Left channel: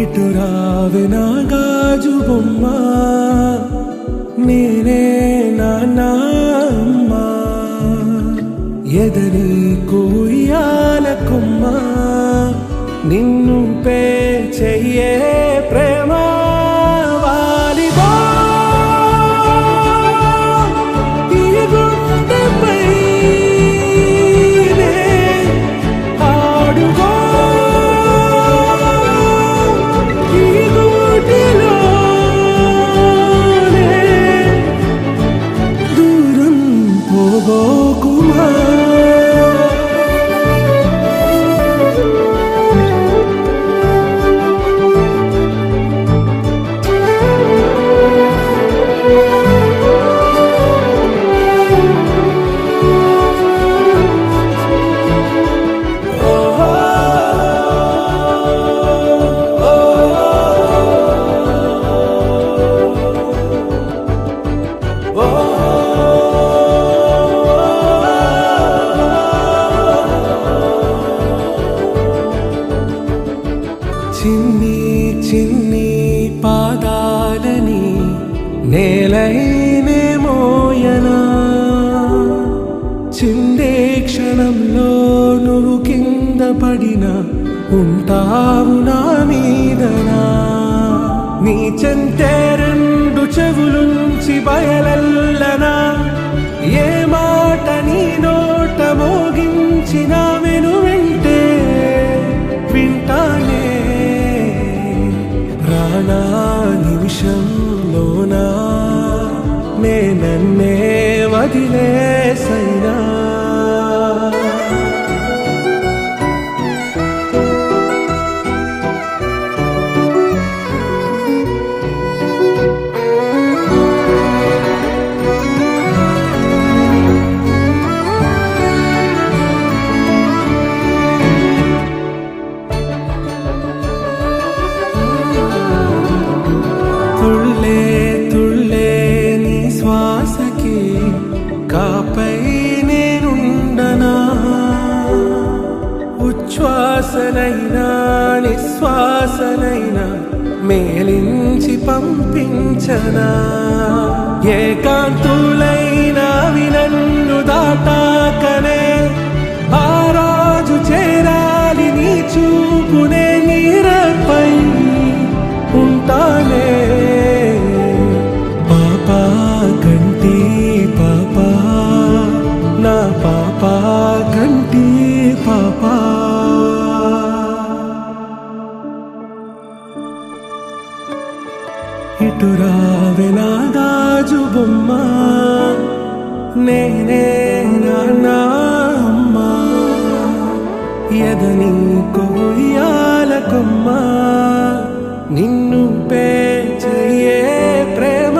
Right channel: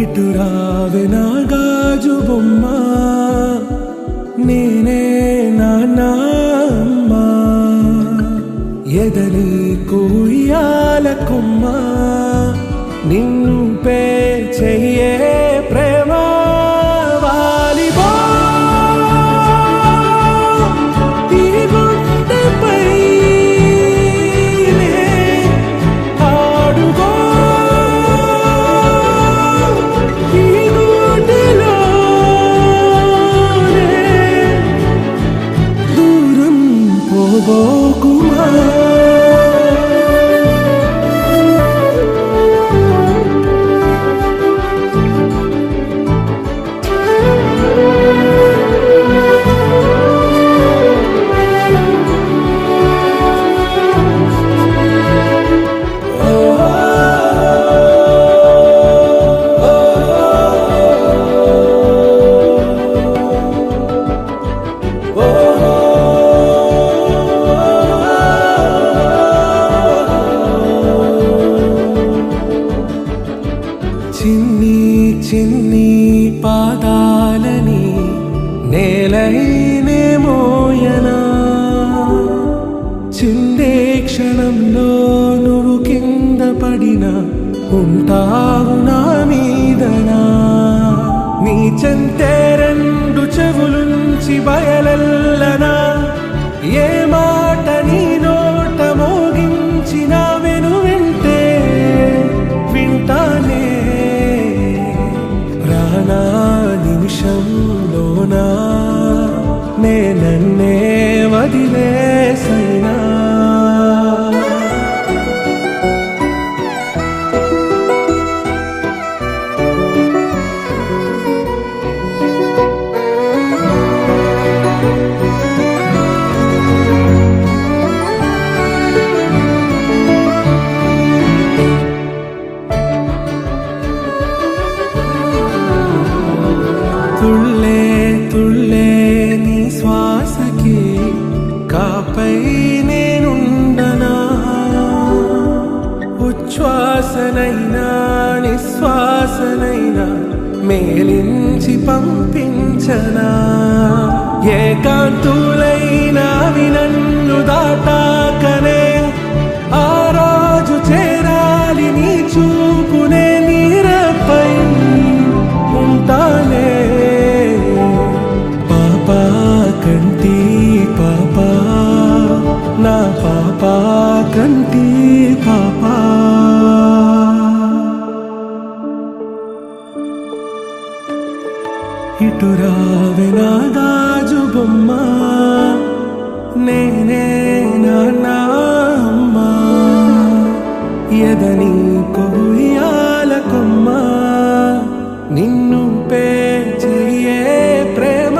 ఇటు రావే నా గాజు బొమ్మ, నేనే నాన్నమ్మ, ఎదని కూయాల కొమ్మ, నిన్ను పే చెయ్యే ప్రేమ వాలిబా ఈ గుండెపై ఆడుగో పోబోకుమా చిన్ని చిన్ని పాదాలని నేలైనే మోయనా, చిందే క్షణంలో నువ్వు కింద పడినా ఉంటావు నా మీదనా, నీ చెంతే రెండు చెవులుంచి బయలెల్లనా, ఏ మాట నీ నోట మోగించిన వెను వింటే వింటానే, రానా నిమిషంలోనా నే నన్నే వదిలేసైనా. తుళ్ళే తుళ్ళే నీ శ్వాసకి కాపై నేనుండనా, ఉచ్ఛ్వాసనైనా నిశ్వాసనైనా మేలించి పంపించనా, ఏకాంతులైనా నన్ను దాటాకనే ఆ రాజు చేరాలి నీ చూపునే నీరపై ఉంటానే, పాపా కంటి పాపా నా పాపా కంటి పాపా. ఇటు రావే నా గాజు బొమ్మ, నేనే నాన్నమ్మ, ఎదని కొయ్యాల కొమ్మ, నిన్ను పే చెయ్యే ప్రేమ